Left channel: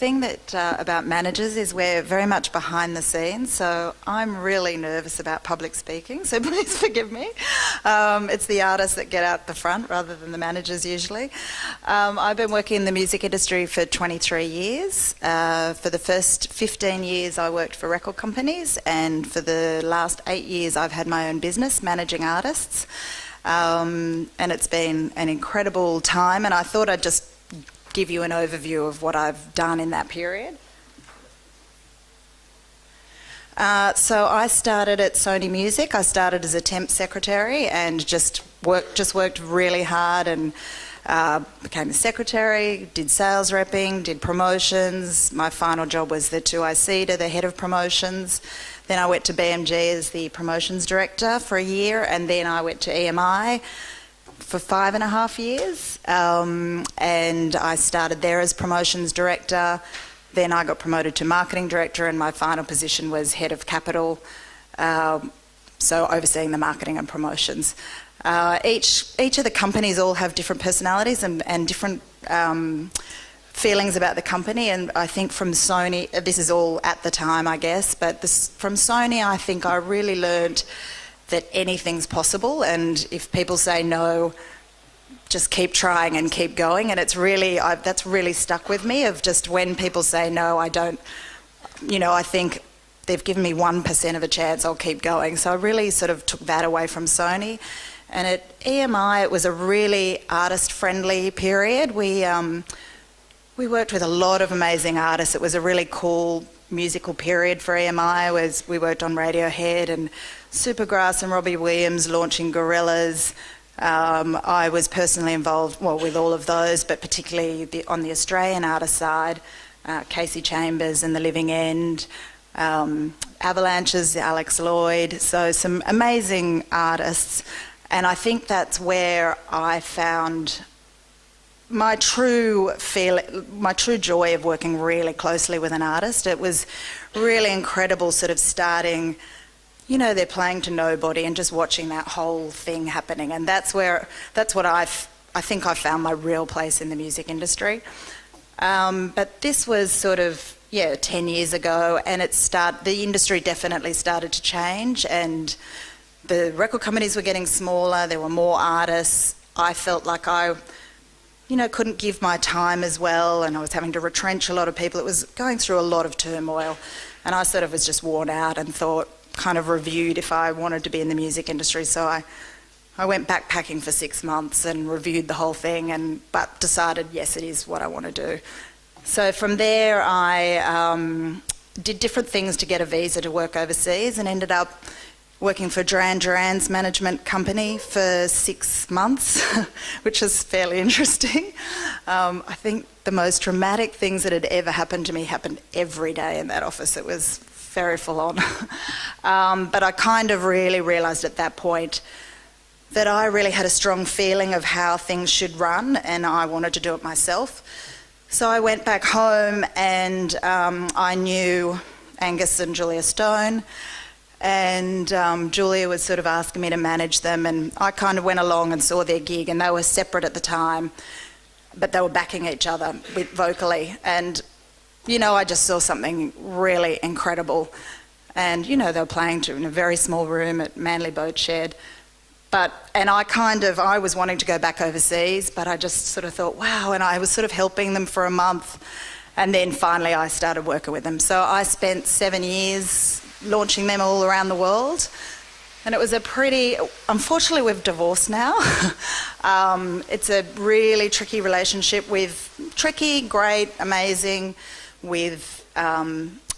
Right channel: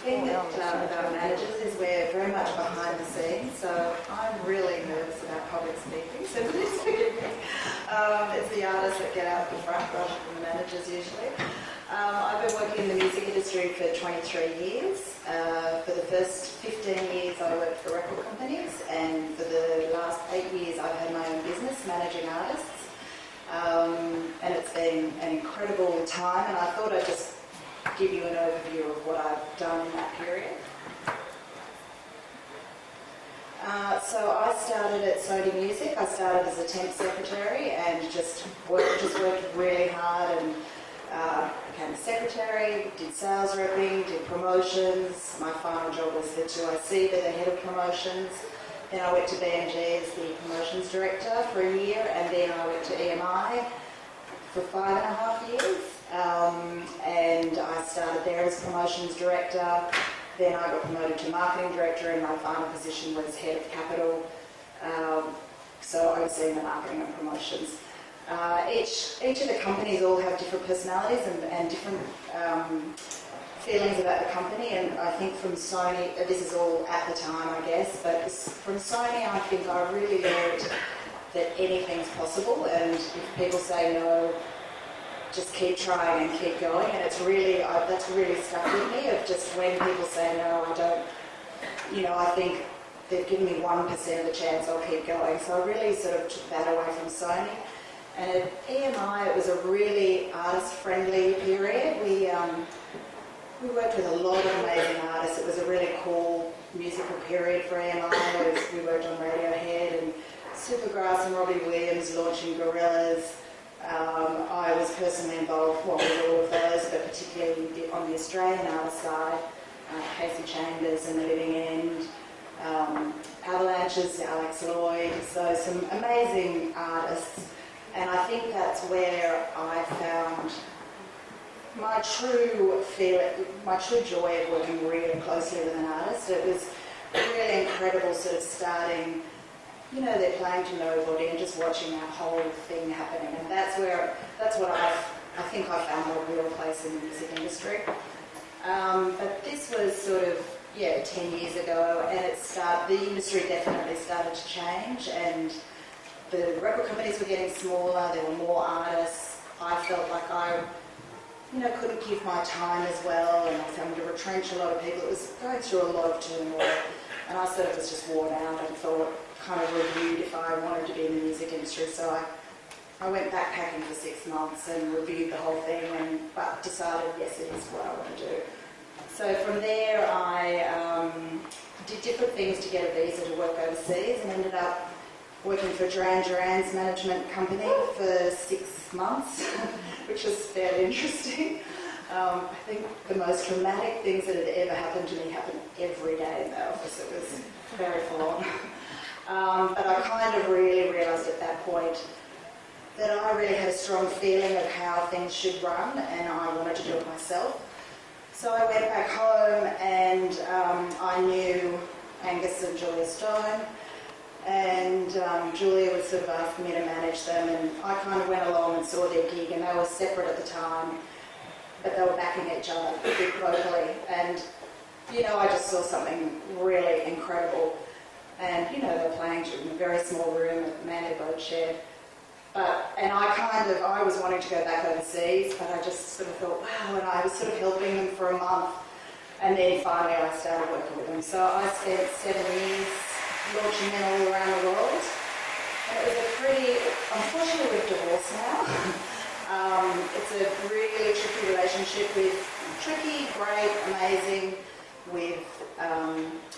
thing that about managers is we're very much behind the scenes, so I'm really nervous about public speaking, so please forgive me. It's the artists that get out the front rather than the managers usually. I've been working in the music industry for 23 years. For the first 15 years I worked for record companies, and for the last 8 years I've had my own business managing artists. And it's been an incredible time, and I thought I'd just give you an overview of what I've done in that period. So I started at Sony Music. I started as a temp secretary and just worked really hard and became a secretary, did sales repping, did promotions. My final job was the 2IC, the head of promotions. Then I went to BMG as the promotions director for a year, and then I went to EMI for 5.5 years, and I started there as promotions director. Then I got promoted to marketing director, and my final position was head of capital, so overseeing the marketing and promotions. Each of the companies all have different personalities and different feelings about the company, and I think from Sony, this is all at the time I guess, but from Sony I think I really learned that anything's possible, and if people say no, just keep trying and keep going. And it's really, that's really stuck with me, of just when people say no, I don't, I think they've given me 1% of a chance, I'll keep going. So I really sort of took that away from Sony. And at EMI it was a really artist-friendly period. We worked with a lot of amazing artists. It was a really cool musical period for EMI. We worked on Radiohead and Supergrass and Robbie Williams launching Gorillaz. I was personally involved with all of those, but particularly on the Australian artist side, Casey Chambers and The Living End, Avalanche's Alex Lloyd, so some amazing artists. And I think that's where I found my true joy of working really closely with an artist. It was really incredible sort of starting, they're playing to nobody and just watching that whole thing happening. And that's what I think I found my real place in the music industry. But this was sort of, 10 years ago, and the industry definitely started to change, and the record companies were getting smaller, there were more artists. I felt like I couldn't give my time as well, and I was having to retrench a lot of people. It was going through a lot of turmoil, and I sort of was just worn out and kind of reviewed if I wanted to be in the music industry. So I went backpacking for 6 months and reviewed the whole thing, but decided, yes, it is what I want to do. So from there I did different things to get a visa to work overseas, and ended up working for Duran Duran's management company for 6 months, which was fairly interesting. I think the most traumatic things that had ever happened to me happened every day in that office. It was very full on. But I kind of really realised at that point that I really had a strong feeling of how things should run, and I wanted to do it myself. So I went back home, and I knew Angus and Julia Stone, and Julia was sort of asking me to manage them, and I kind of went along and saw their gig, and they were separate at the time, but they were backing each other vocally, and I just saw something really incredible. And they were playing in a very small room at Manly Boat Shed, and I was wanting to go back overseas, but I just sort of thought, wow, and I was sort of helping them for a month, and then finally I started working with them. So I spent 7 years launching them all around the world, and it was unfortunately we've divorced now. It's a really tricky relationship great, amazing, with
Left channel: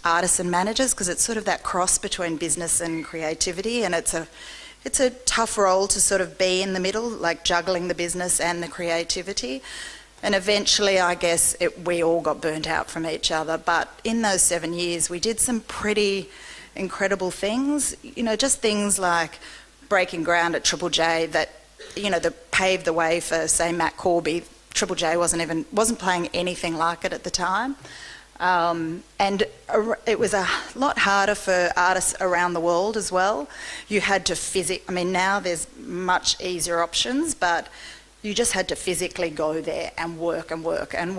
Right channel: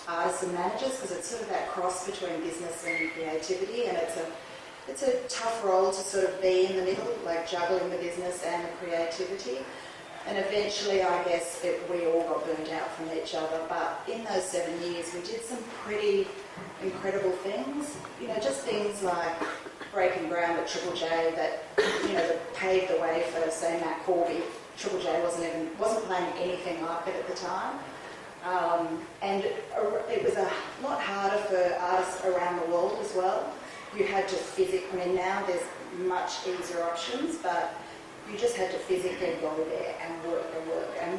artists and managers, because it's sort of that cross between business and creativity, and it's a tough role to sort of be in the middle, like juggling the business and the creativity. And eventually, I guess, we all got burnt out from each other. But in those 7 years, we did some pretty incredible things, just things like breaking ground at Triple J that paved the way for, say, Matt Corby. Triple J wasn't playing anything like it at the time. And it was a lot harder for artists around the world as well. You had to now there's much easier options, but you just had to physically go there and work. And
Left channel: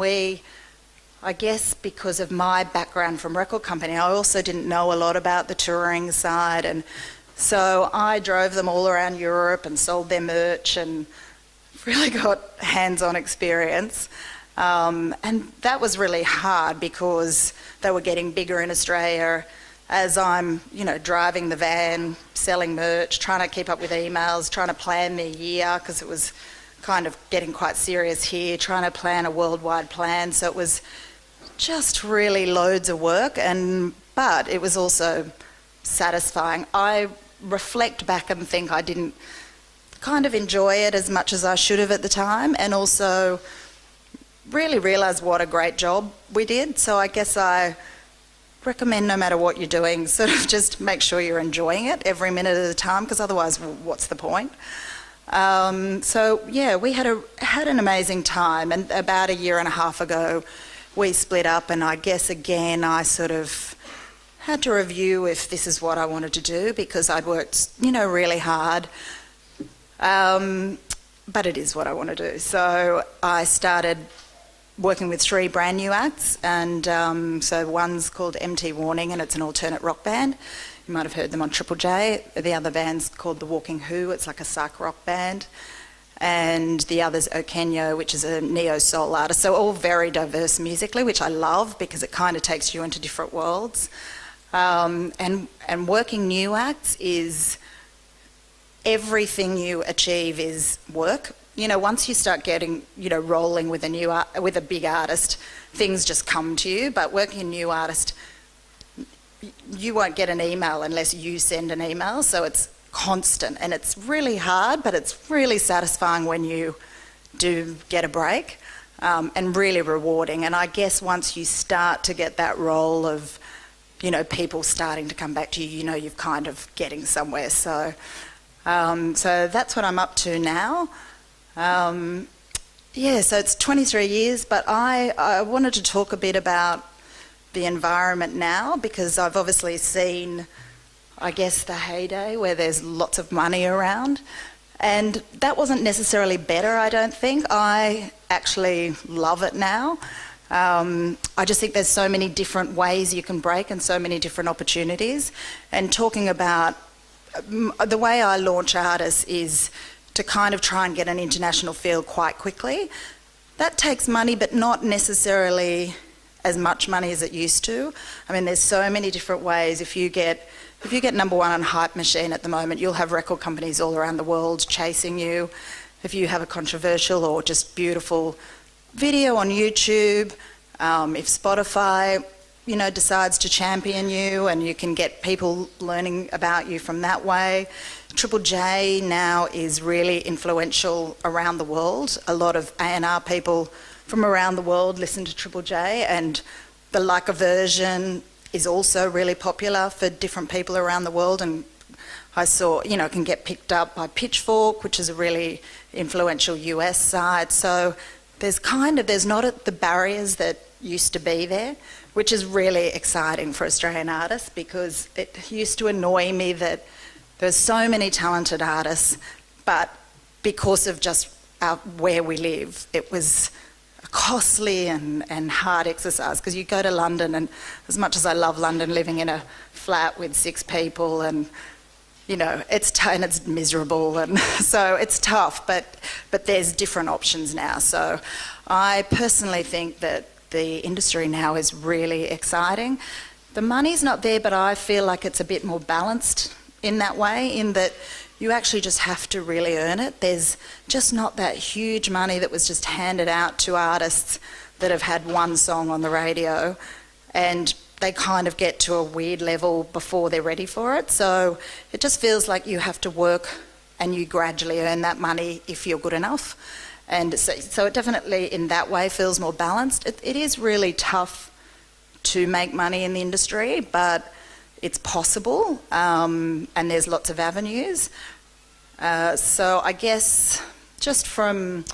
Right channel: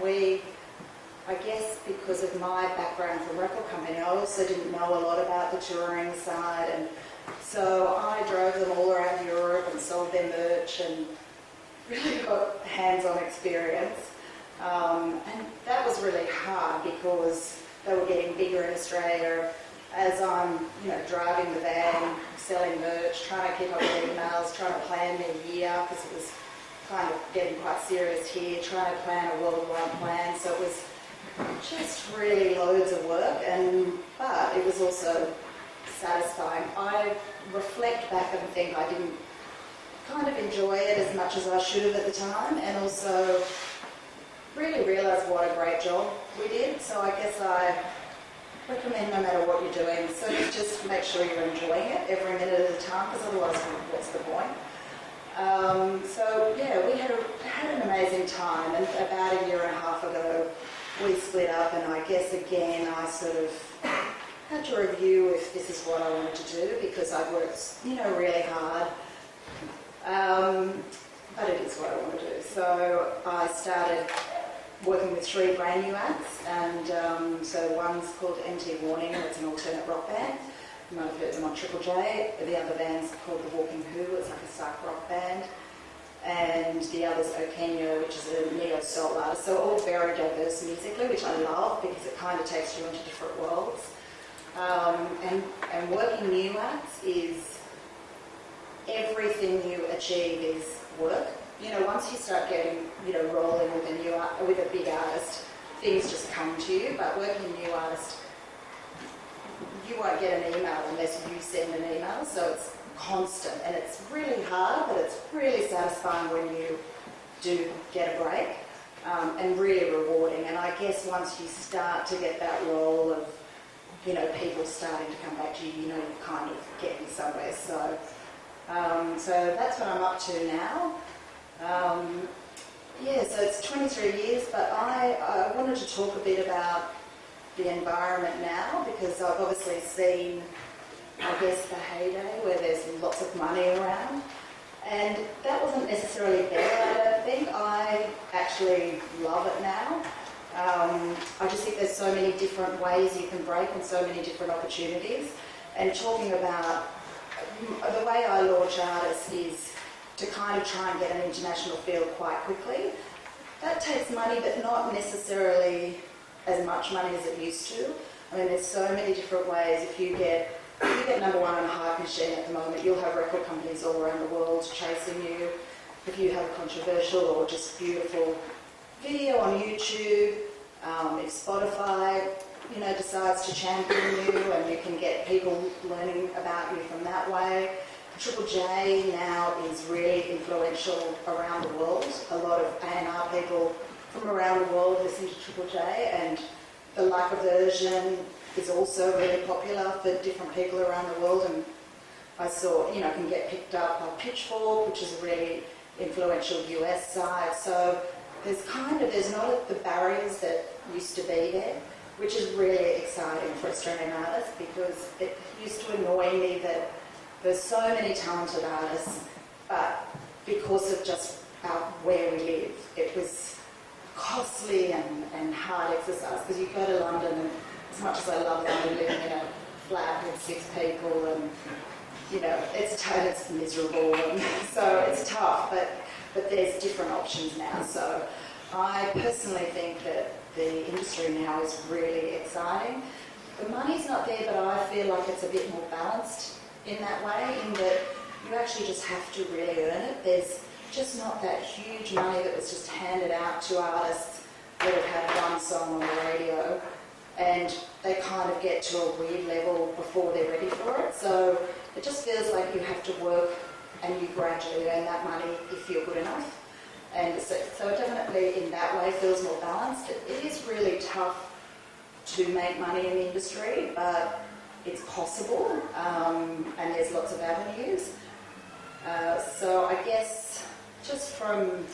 I guess because of my background from record company, I also didn't know a lot about the touring side, and so I drove them all around Europe and sold their merch and really got hands-on experience. And that was really hard because they were getting bigger in Australia as I'm, driving the van, selling merch, trying to keep up with emails, trying to plan their year because it was kind of getting quite serious here, trying to plan a worldwide plan. So it was just really loads of work, but it was also satisfying. I reflect back and think I didn't kind of enjoy it as much as I should have at the time, and also really realise what a great job we did. So I guess I recommend, no matter what you're doing, sort of just make sure you're enjoying it every minute of the time, because otherwise what's the point? So yeah, we had an amazing time, and about a year and a half ago we split up, and I guess again I sort of had to review if this is what I wanted to do, because I'd worked really hard, but it is what I want to do. So I started working with 3 brand new acts, and so one's called MT Warning, and it's an alternate rock band. You might have heard them on Triple J. The other band's called The Walking Who. It's like a psych rock band. And the other's Okenyo, which is a neo-soul artist. So all very diverse musically, which I love because it kind of takes you into different worlds. And working new acts is everything you achieve is work. Once you start getting, rolling with with a big artist, things just come to you. But working a new artist, you won't get an email unless you send an email. So it's constant, and it's really hard, but it's really satisfying when you do get a break, and really rewarding. And I guess once you start to get that role of, people starting to come back to you, you're kind of getting somewhere. So that's what I'm up to now. So it's 23 years, but I wanted to talk a bit about the environment now, because I've obviously seen, I guess, the heyday where there's lots of money around, and that wasn't necessarily better, I don't think. I actually love it now. I just think there's so many different ways you can break and so many different opportunities. And talking about the way I launch artists is to kind of try and get an international feel quite quickly. That takes money, but not necessarily as much money as it used to. I mean, there's so many different ways. If you get number one on Hype Machine at the moment, you'll have record companies all around the world chasing you. If you have a controversial or just beautiful video on YouTube, if Spotify, decides to champion you, and you can get people learning about you from that way. Triple J now is really influential around the world. A lot of A&R people from around the world listen to Triple J, and the Like a Version is also really popular for different people around the world. And I saw, it can get picked up by Pitchfork, which is a really influential US site. So there's not the barriers that used to be there, which is really exciting for Australian artists, because it used to annoy me that there's so many talented artists, but because of just where we live, it was costly and hard exercise. Because you go to London, and as much as I love London, living in a flat with 6 people, and it's miserable, and so it's tough, but there's different options now. So I personally think that the industry now is really exciting. The money's not there, but I feel like it's a bit more balanced in that way, in that you actually just have to really earn it. There's just not that huge money that was just handed out to artists that have had one song on the radio, and they kind of get to a weird level before they're ready for it. So it just feels like you have to work, and you gradually earn that money if you're good enough. And so it definitely in that way feels more balanced. It is really tough to make money in the industry, but it's possible, and there's lots of avenues. So I guess just from,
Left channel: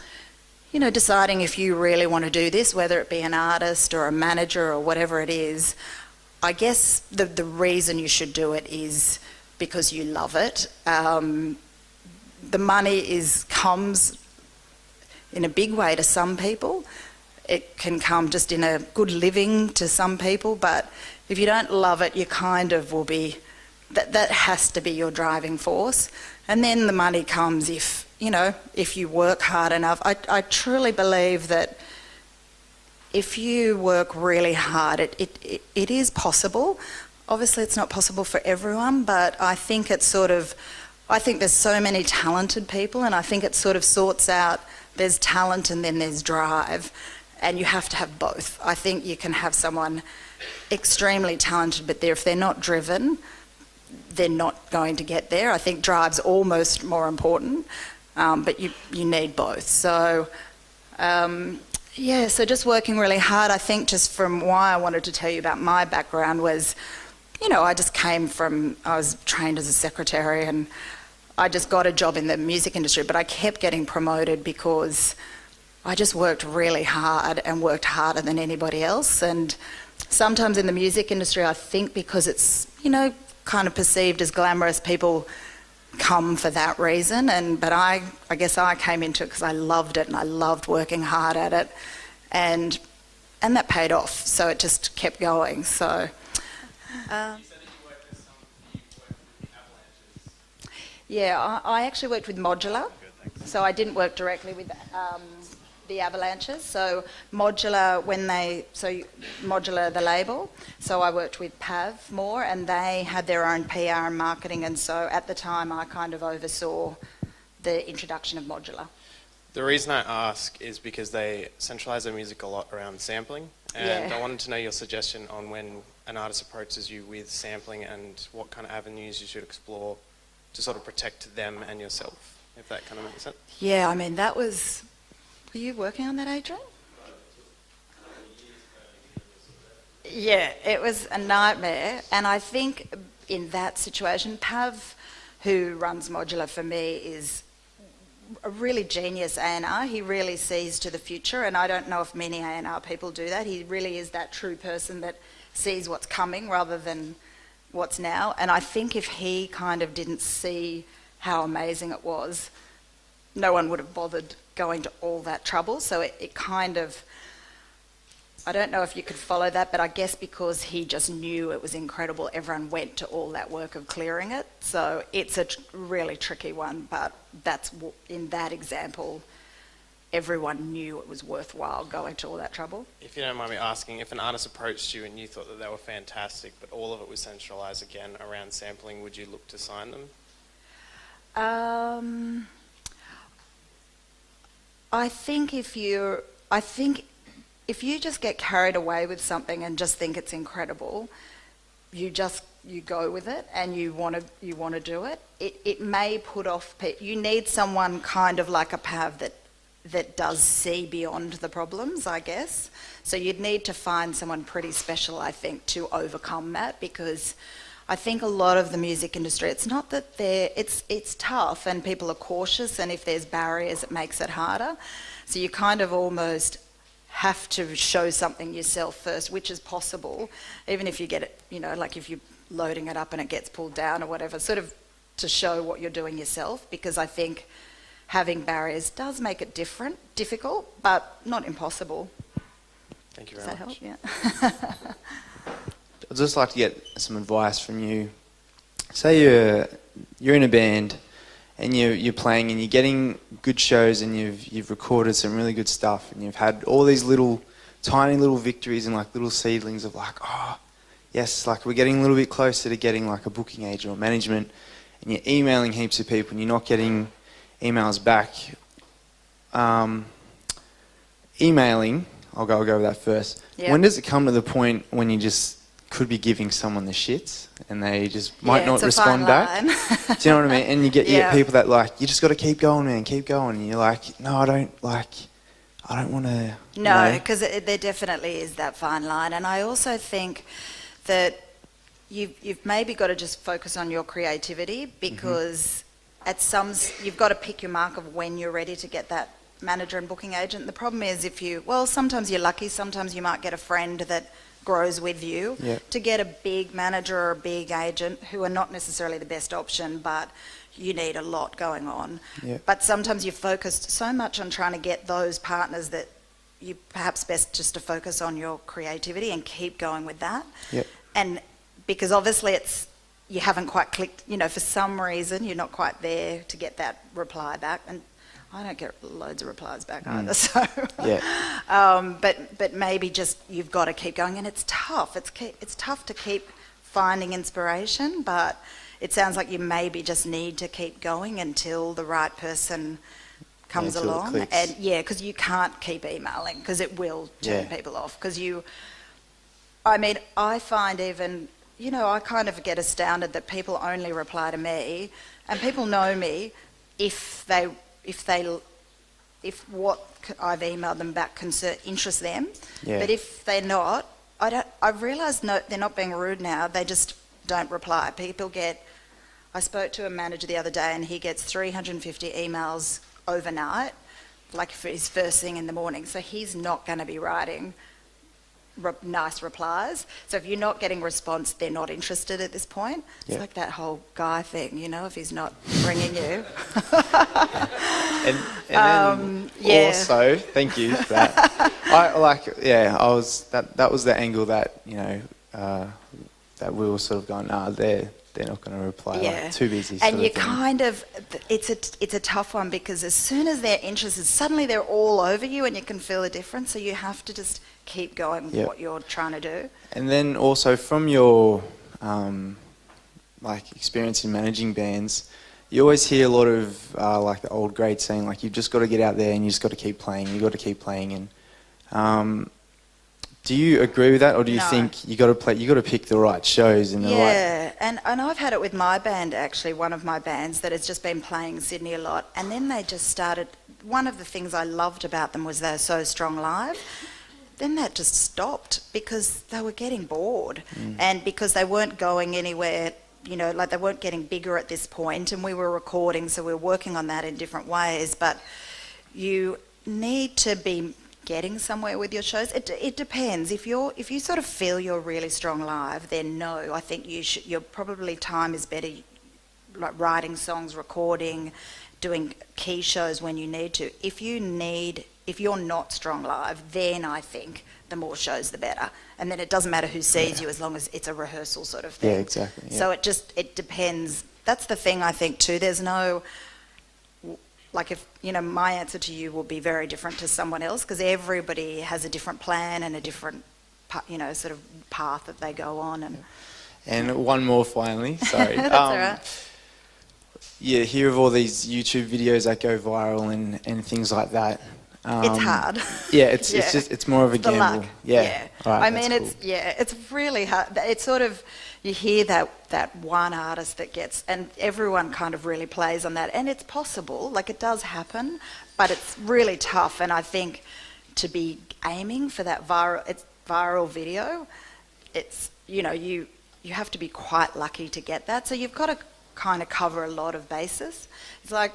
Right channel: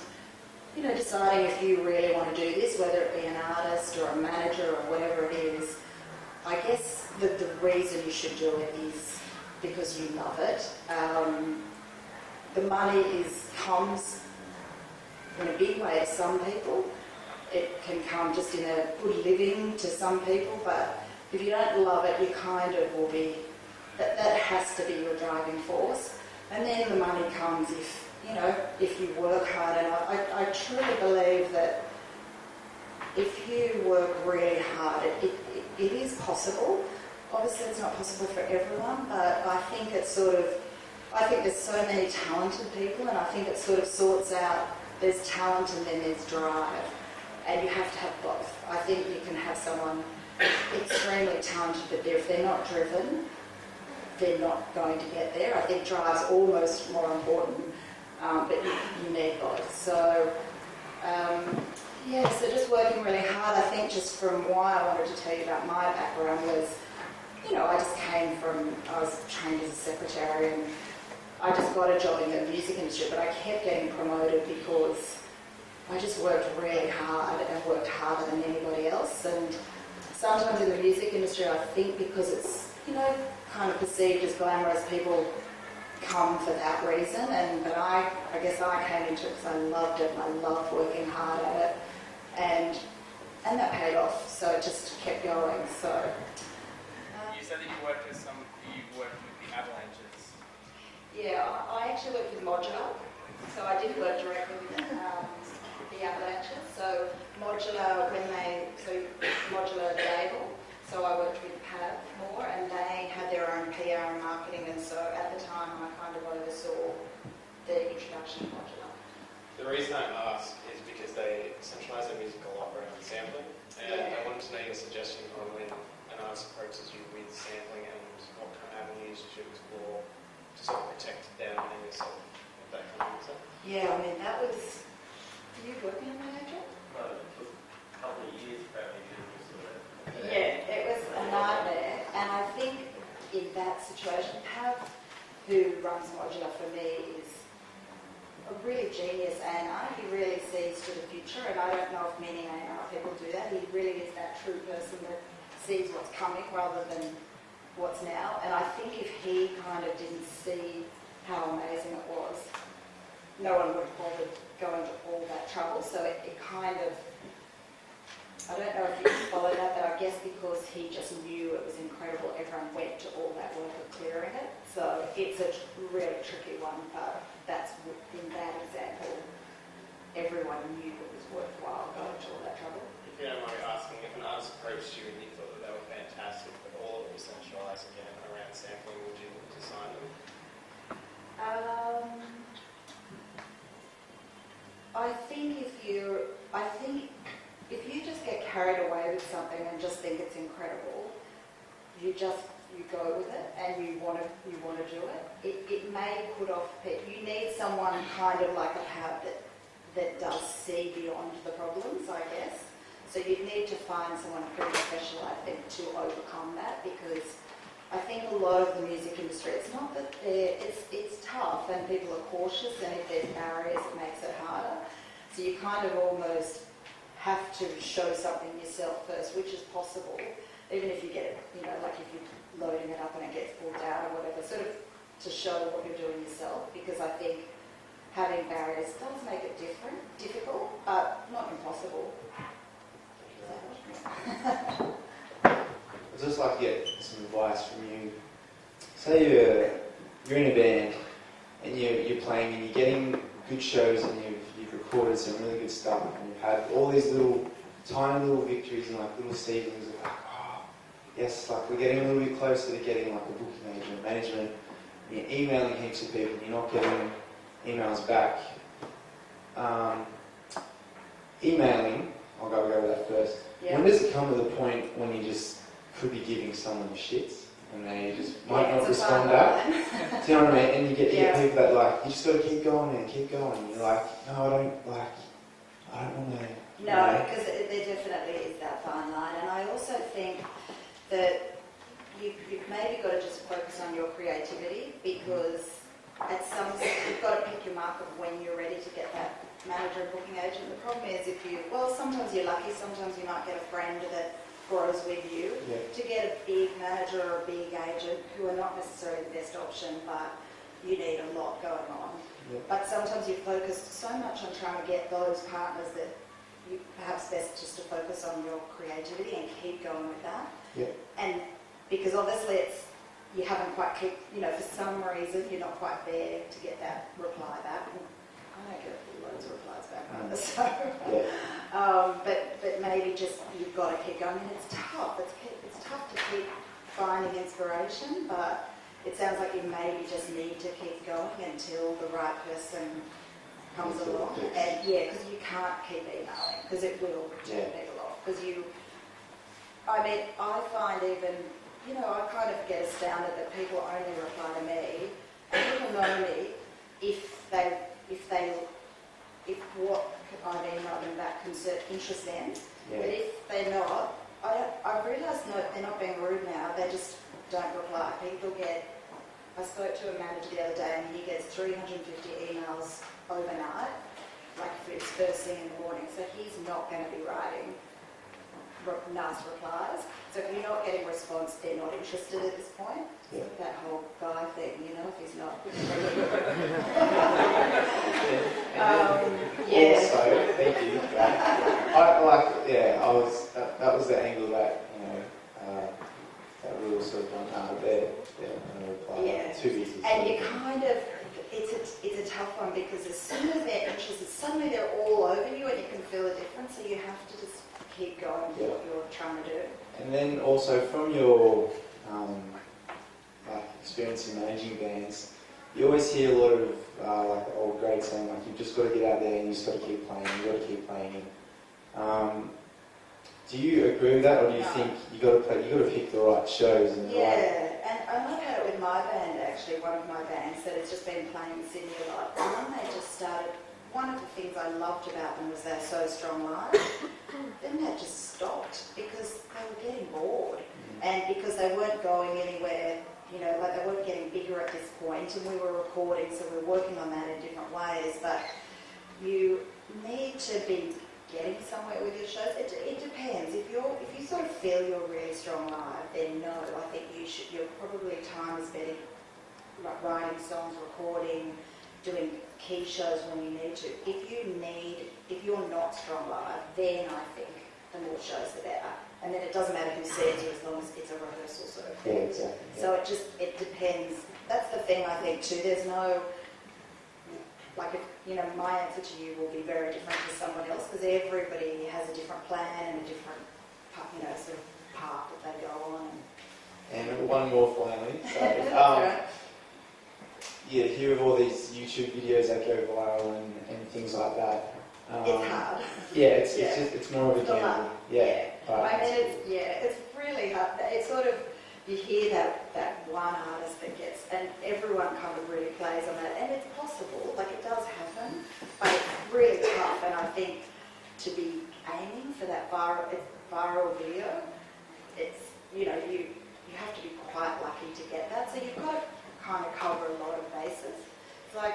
deciding if you really want to do this, whether it be an artist or a manager or whatever it is, I guess the reason you should do it is because you love it. The money comes in a big way to some people. it can come just in a good living to some people, but if you don't love it, you kind of will be, that has to be your driving force. And then the money comes if you work hard enough. I truly believe that if you work really hard, it is possible. Obviously it's not possible for everyone, but I think there's so many talented people, and I think it sort of sorts out, there's talent and then there's drive, and you have to have both. I think you can have someone extremely talented, but if they're not driven, they're not going to get there. I think drive's almost more important, but you need both. So, so just working really hard. I think just from why I wanted to tell you about my background was, I was trained as a secretary, and I just got a job in the music industry, but I kept getting promoted because I just worked really hard and worked harder than anybody else. And sometimes in the music industry, I think because it's, kind of perceived as glamorous, people come for that reason. But I guess I came into it because I loved it and I loved working hard at it. And that paid off. So it just kept going. So. You said that you worked with the Avalanches. Yeah, I actually worked with Modular. So I didn't work directly with the Avalanches. So Modular, Modular, the label. So I worked with Pav more, and they had their own PR and marketing, and so at the time I kind of oversaw the introduction of Modular. The reason I ask is because they centralise their music a lot around sampling, and I wanted to know your suggestion on when an artist approaches you with sampling and what kind of avenues you should explore to sort of protect them and yourself, if that kind of makes sense. Yeah, I mean, that was... Are you working on that, Adrian? Yeah, it was a nightmare, and I think in that situation, Pav, who runs Modular for me, is a really genius A&R. He really sees to the future, and I don't know if many A&R people do that. He really is that true person that sees what's coming rather than what's now, and I think if he kind of didn't see how amazing it was, no one would have bothered going to all that trouble. So it kind of... I don't know if you could follow that, but I guess because he just knew it was incredible, everyone went to all that work of clearing it. So it's a really tricky one, but in that example, everyone knew it was worthwhile going to all that trouble. If you don't mind me asking, if an artist approached you and you thought that they were fantastic, but all of it was centralised again around sampling, would you look to sign them? I think if you just get carried away with something and just think it's incredible, you go with it and you want to do it. It may put off people. You need someone kind of like a Pav that does see beyond the problems, I guess. So you'd need to find someone pretty special, I think, to overcome that, because I think a lot of the music industry, it's not that it's tough and people are cautious, and if there's barriers, it makes it harder. So you kind of almost have to show something yourself first, which is possible, even if you get it, like if you're loading it up and it gets pulled down or whatever, sort of to show what you're doing yourself, because I think having barriers does make it difficult, but not impossible. Thank you Does very that much. help? Yeah. I'd just like to get some advice from you. Say you're in a band and you're playing and you're getting good shows and you've recorded some really good stuff and you've had all these tiny little victories and like little seedlings of like, oh yes, like we're getting a little bit closer to getting like a booking agent or management, and you're emailing heaps of people and you're not getting emails back. Emailing, I'll go with that first. Yeah. When does it come to the point when you just could be giving someone the shits and they just might not respond back? Do you know what I mean? And you get people that like, you just got to keep going, man, keep going. And you're like, no, I don't want to. No, because there definitely is that fine line. And I also think that you've maybe got to just focus on your creativity, because you've got to pick your mark of when you're ready to get that manager and booking agent. The problem is sometimes you're lucky, sometimes you might get a friend that grows with you. Yeah. To get a big manager or a big agent, who are not necessarily the best option, but you need a lot going on. Yeah. But sometimes you're focused so much on trying to get those partners that you perhaps best just to focus on your creativity and keep going with that. Yep. And because obviously you haven't quite clicked, for some reason you're not quite there to get that reply back. And I don't get loads of replies back either, so. Yeah. But maybe just you've got to keep going, and it's tough. It's tough to keep finding inspiration, but it sounds like you maybe just need to keep going until the right person comes Until it along. clicks. And because you can't keep emailing because it will turn people off. Because I find even, I kind of get astounded that people only reply to me, and people know me if what I've emailed them back interests them. Yeah. But if they're not, I've realised they're not being rude now. They just don't reply. I spoke to a manager the other day, and he gets 350 emails overnight, like for his first thing in the morning. So he's not going to be writing nice replies. So if you're not getting response, they're not interested at this point. It's like that whole guy thing, if he's not ringing you. And then also, thank you for that. That was the angle that, that we were sort of going, they're not going to reply. Like, too busy. And you kind of, it's a tough one, because as soon as they're interested, suddenly they're all over you, and you can feel the difference. So you have to just keep going with what you're trying to do. And then also from your experience in managing bands, you always hear a lot of the old great saying, like, you've just got to get out there and you just got to keep playing. You've got to keep playing. And do you agree with that, or do you think you got to play? You got to pick the right shows and the right. Yeah, and I've had it with my band, actually, one of my bands that has just been playing Sydney a lot, and then they just started. One of the things I loved about them was they're so strong live. Then that just stopped because they were getting bored, and because they weren't going anywhere. They weren't getting bigger at this point, and we were recording, so we were working on that in different ways. But you need to be getting somewhere with your shows. It depends. If you sort of feel you're really strong live, then no, I think your probably time is better, like writing songs, recording, doing key shows when you need to. If you're not strong live, then I think the more shows the better. And then it doesn't matter who sees you, as long as it's a rehearsal sort of thing. Yeah, exactly. Yeah. So it depends. That's the thing, I think, too. There's no, my answer to you will be very different to someone else, because everybody has a different plan and a different, sort of path that they go on. And one more finally, sorry. That's all right. Yeah, hear of all these YouTube videos that go viral and things like that. It's hard. Yeah, it's more of a gamble. Luck. Yeah. All right, it's really hard. It's sort of, you hear that one artist that gets, and everyone kind of really plays on that, and it's possible, like it does happen, but it's really tough. And I think to be aiming for that viral video, it's you have to be quite lucky to get that. So you've got to kind of cover a lot of bases. It's like,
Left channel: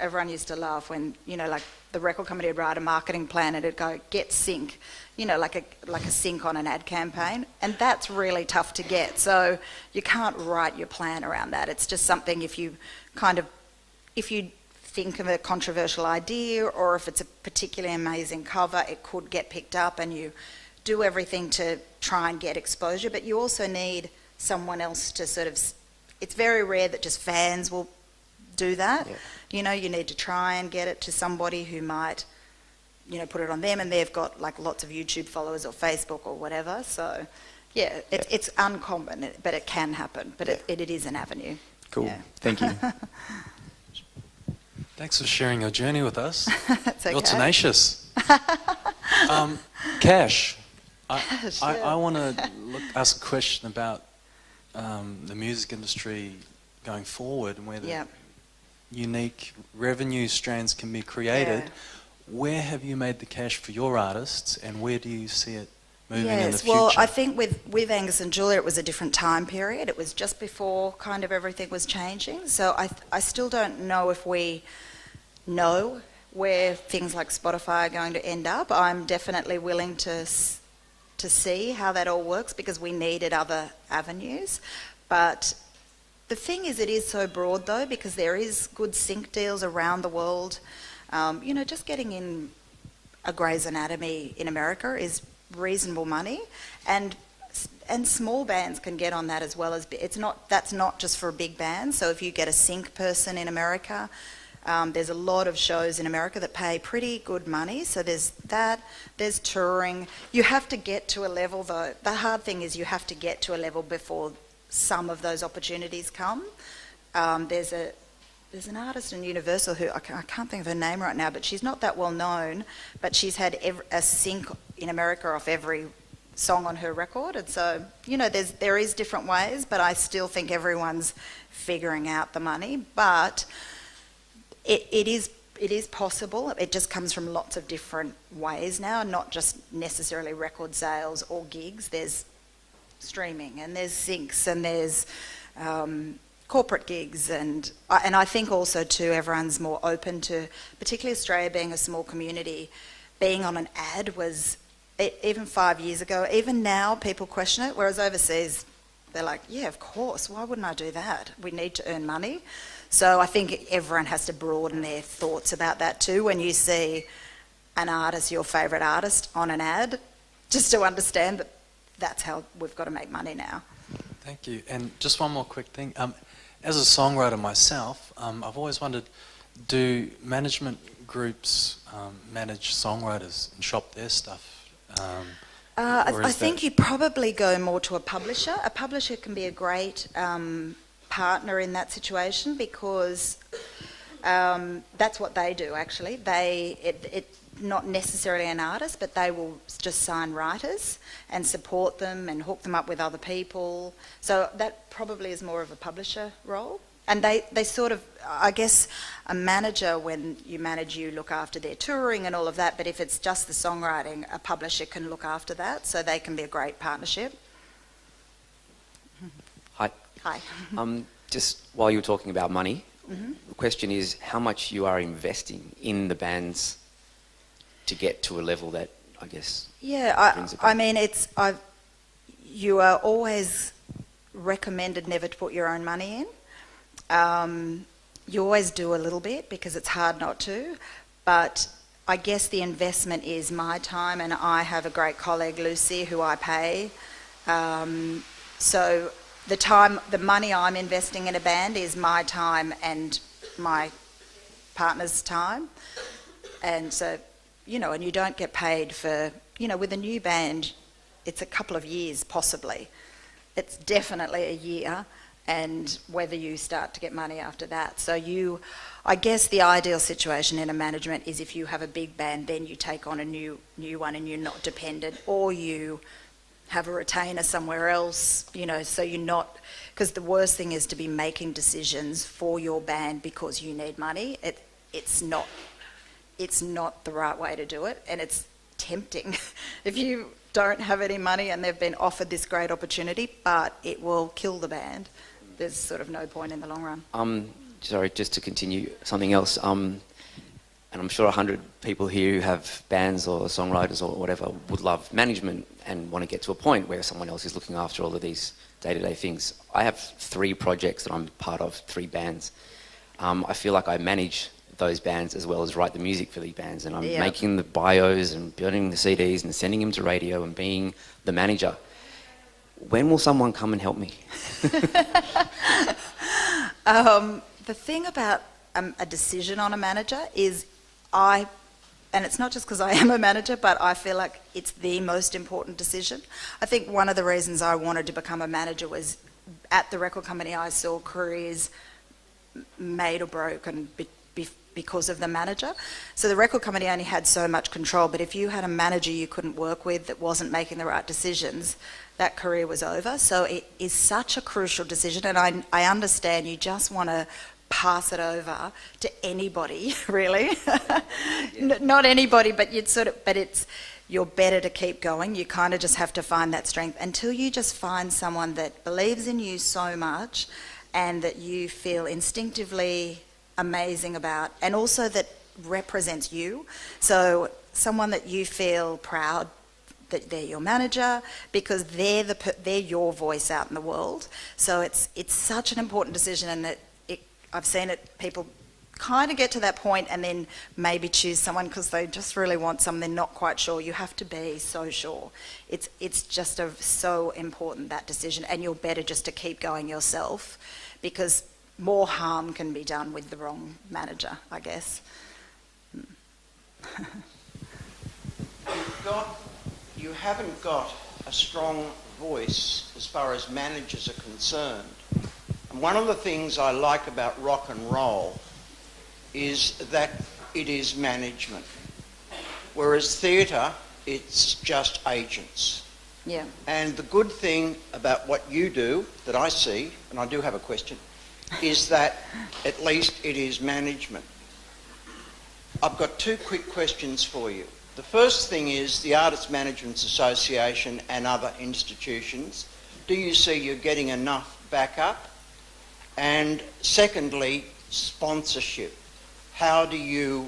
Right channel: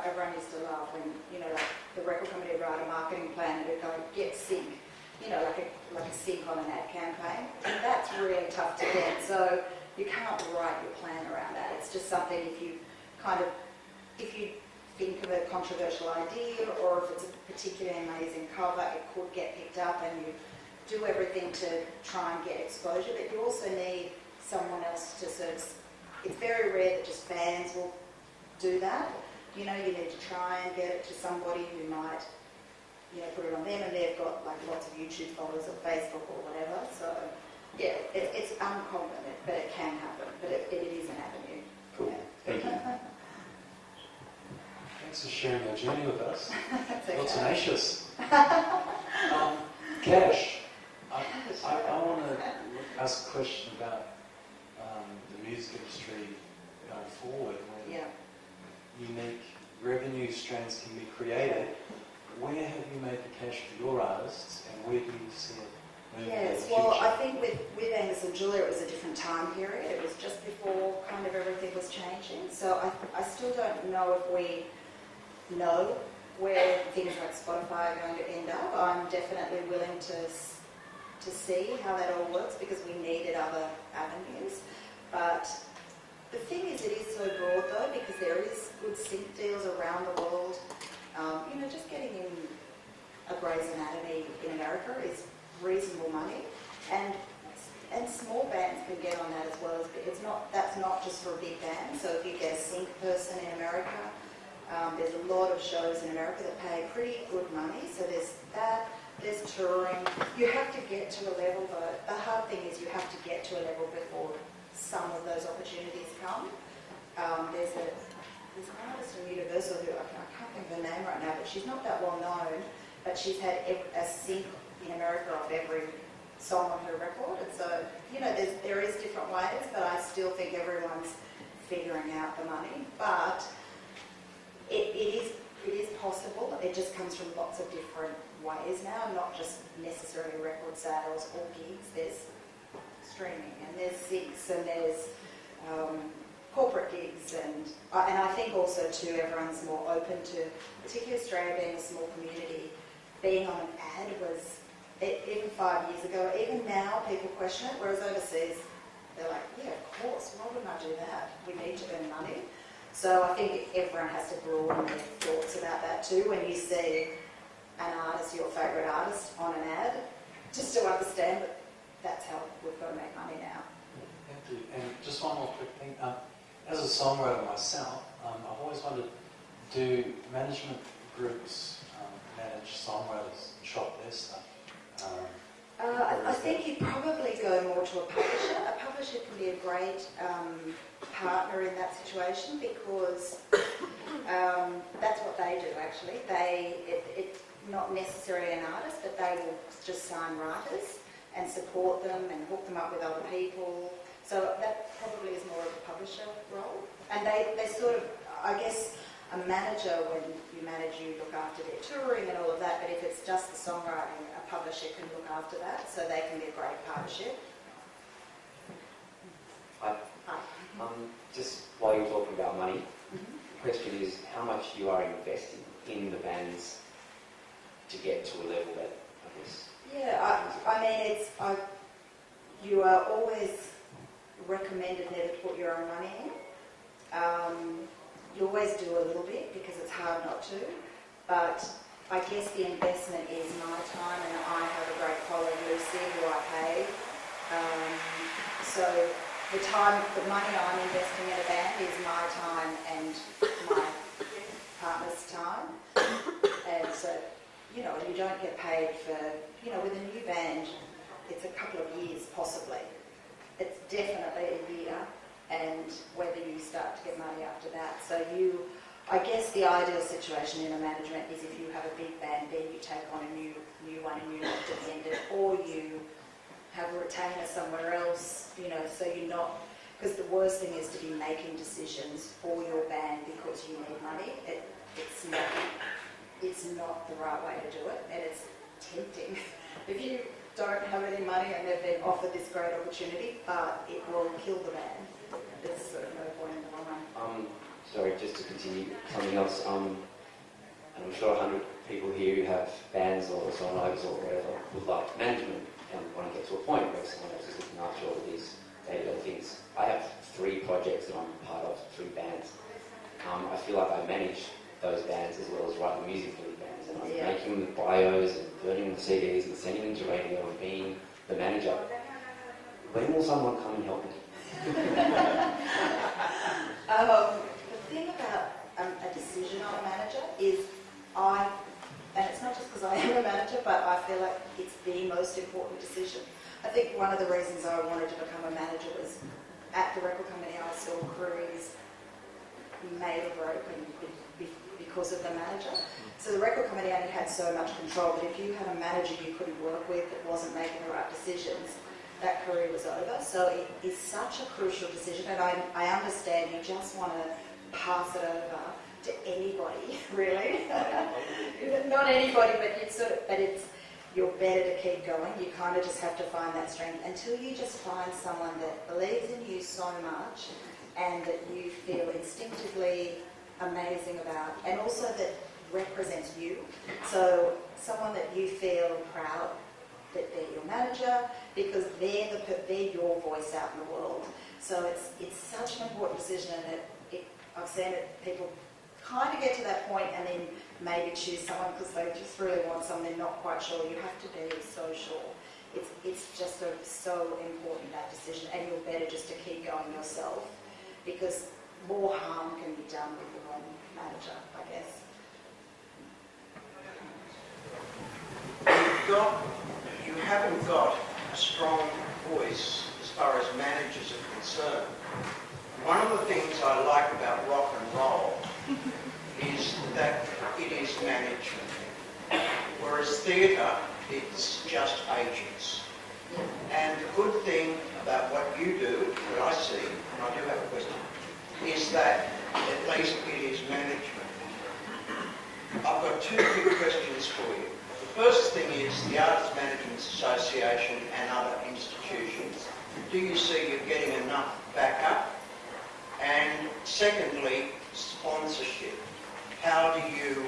everyone used to laugh when, like the record company would write a marketing plan and it'd go, get sync, like a sync on an ad campaign. And that's really tough to get. So you can't write your plan around that. It's just something if you think of a controversial idea, or if it's a particularly amazing cover, it could get picked up, and you do everything to try and get exposure. But you also need someone else to sort of, it's very rare that just fans will do that. Yeah. You need to try and get it to somebody who might, put it on them, and they've got like lots of YouTube followers or Facebook or whatever. So, it's uncommon, but it can happen. But it is an avenue. Cool. Yeah. Thank you. Thanks for sharing your journey with us. It's okay. You're tenacious. Cash. I want to ask a question about the music industry going forward, and whether unique revenue strands can be created. Yeah. Where have you made the cash for your artists, and where do you see it moving in the future? Well, I think with Angus and Julia, it was a different time period. It was just before kind of everything was changing. So I still don't know if we know where things like Spotify are going to end up. I'm definitely willing to see how that all works, because we needed other avenues. But the thing is, it is so broad though, because there is good sync deals around the world. Just getting in a Grey's Anatomy in America is reasonable money, and small bands can get on that as well as that's not just for big bands. So if you get a sync person in America, there's a lot of shows in America that pay pretty good money. So there's that. There's touring. You have to get to a level though. The hard thing is you have to get to a level before some of those opportunities come. There's an artist in Universal who I can't think of her name right now, but she's not that well known. But she's had a sync in America off every song on her record, and so there is different ways, but I still think everyone's figuring out the money. But it is possible. It just comes from lots of different ways now, not just necessarily record sales or gigs. There's streaming and there's syncs and there's corporate gigs, and I think also too everyone's more open to, particularly Australia being a small community, being on an ad was, even 5 years ago, even now people question it, whereas overseas they're like, yeah, of course, why wouldn't I do that? We need to earn money. So I think everyone has to broaden their thoughts about that too. When you see an artist, your favourite artist, on an ad, just to understand that that's how we've got to make money now. Thank you. And just one more quick thing. As a songwriter myself, I've always wondered, do management groups manage songwriters and shop their stuff? I think you probably go more to a publisher. A publisher can be a great partner in that situation, because that's what they do actually. Not necessarily an artist, but they will just sign writers and support them and hook them up with other people. So that probably is more of a publisher role. And they sort of, I guess, a manager, when you manage, you look after their touring and all of that, but if it's just the songwriting, a publisher can look after that, so they can be a great partnership. Hi. Hi. Just while you're talking about money, the question is how much you are investing in the bands to get to a level that, I guess... Yeah, I mean, you are always recommended never to put your own money in. You always do a little bit because it's hard not to, but I guess the investment is my time, and I have a great colleague, Lucy, who I pay. So the money I'm investing in a band is my time and my partner's time. And so, and you don't get paid for, with a new band, it's a couple of years possibly. It's definitely a year, and whether you start to get money after that. So I guess the ideal situation in a management is if you have a big band, then you take on a new one and you're not dependent, or you have a retainer somewhere else, so you're not, because the worst thing is to be making decisions for your band because you need money. It's not the right way to do it, and it's tempting. If you don't have any money and they've been offered this great opportunity, but it will kill the band, there's sort of no point in the long run. Sorry, just to continue something else, and I'm sure 100 people here who have bands or songwriters or whatever would love management and want to get to a point where someone else is looking after all of these day-to-day things. I have 3 projects that I'm part of, 3 bands. I feel like I manage those bands as well as write the music for these bands, and I'm making the bios and building the CDs and sending them to radio and being the manager. When will someone come and help me? The thing about a decision on a manager is and it's not just because I am a manager, but I feel like it's the most important decision. I think one of the reasons I wanted to become a manager was at the record company I saw careers made or broken because of the manager. So the record company only had so much control, but if you had a manager you couldn't work with that wasn't making the right decisions, that career was over. So it is such a crucial decision, and I understand you just want to pass it over to anybody, really. Not anybody, but you're better to keep going. You kind of just have to find that strength until you just find someone that believes in you so much and that you feel instinctively amazing about, and also that represents you. So someone that you feel proud that they're your manager, because they're your voice out in the world. So it's such an important decision, and I've seen it, people kind of get to that point and then maybe choose someone because they just really want something, not quite sure. You have to be so sure. It's just so important, that decision, and you're better just to keep going yourself because more harm can be done with the wrong manager, I guess. You haven't got a strong voice as far as managers are concerned. One of the things I like about rock and roll is that it is management, whereas theatre, it's just agents. Yeah. And the good thing about what you do, that I see, and I do have a question, is that at least it is management. I've got two quick questions for you. The first thing is the Artists Management Association and other institutions. Do you see you're getting enough backup? And secondly, sponsorship. How do you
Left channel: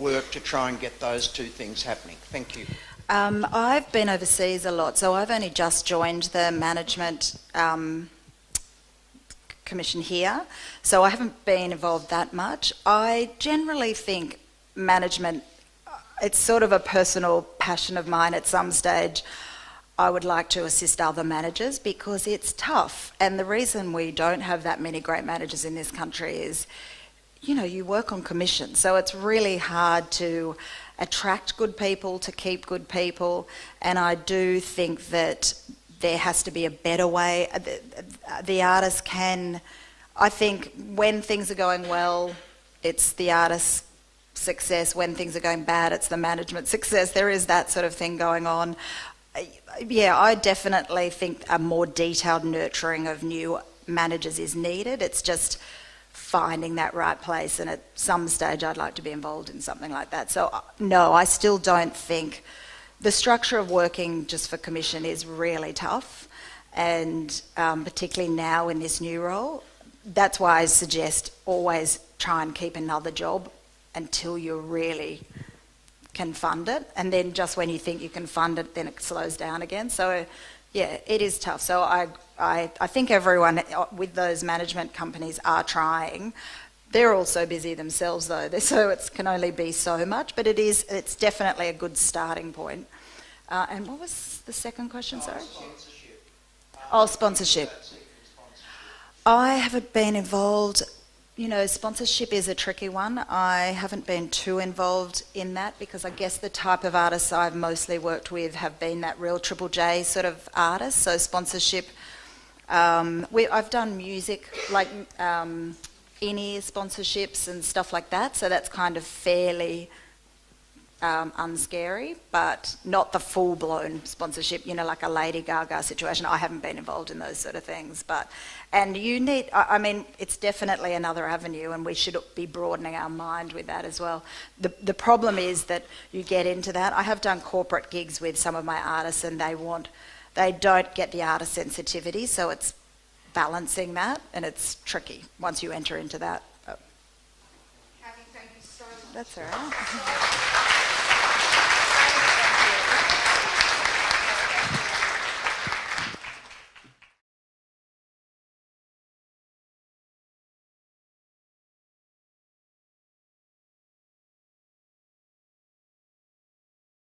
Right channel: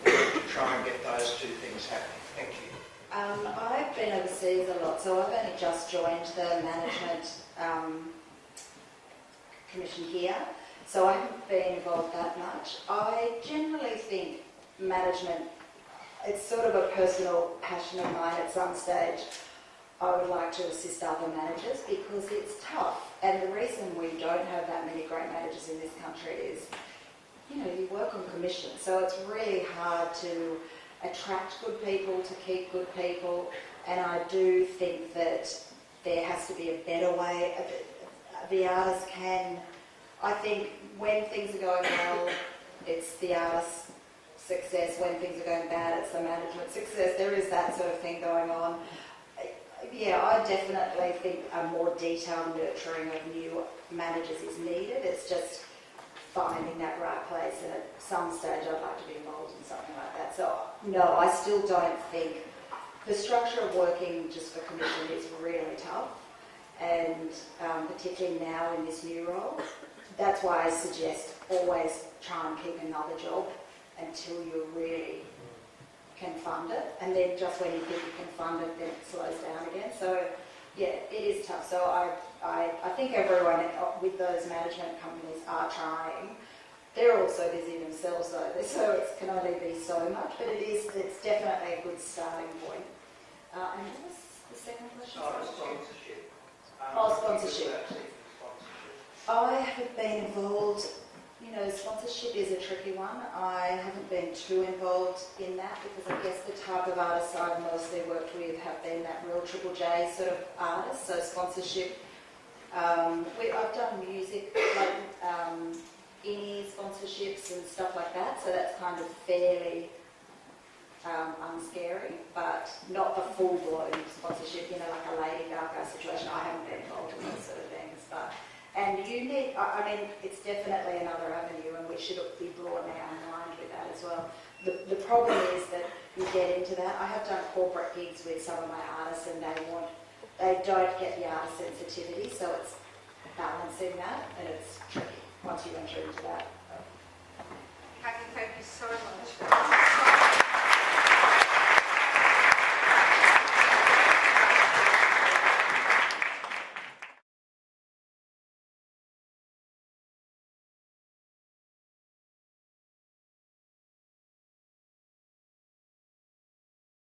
work to try and get those two things happening? Thank you. I've been overseas a lot, so I've only just joined the management commission here, so I haven't been involved that much. I generally think management, it's sort of a personal passion of mine at some stage. I would like to assist other managers because it's tough, and the reason we don't have that many great managers in this country is, you know, you work on commission, so it's really hard to attract good people, to keep good people, and I do think that there has to be a better way. The artists can, I think when things are going well, it's the artist's success. When things are going bad, it's the management success. There is that sort of thing going on. Yeah, I definitely think a more detailed nurturing of new managers is needed. It's just finding that right place, and at some stage I'd like to be involved in something like that. So no, I still don't think the structure of working just for commission is really tough, and particularly now in this new role. That's why I suggest always try and keep another job until you really can fund it, and then just when you think you can fund it, then it slows down again. So yeah, it is tough. So I think everyone with those management companies are trying. They're all so busy themselves though, so it can only be so much, but it's definitely a good starting point. And what was the second question, sorry? Sponsorship. Oh, sponsorship. I haven't been involved. You know, sponsorship is a tricky one. I haven't been too involved in that because I guess the type of artists I've mostly worked with have been that real Triple J sort of artist. So sponsorship, I've done music, like in-ear sponsorships and stuff like that. So that's kind of fairly unscary, but not the full-blown sponsorship, you know, like a Lady Gaga situation. I haven't been involved in those sort of things, and you need, I mean, it's definitely another avenue, and we should be broadening our mind with that as well. The problem is that you get into that. I have done corporate gigs with some of my artists, and they don't get the artist sensitivity, so it's balancing that, and it's tricky once you enter into that. Cathy, thank you so much. That's all right.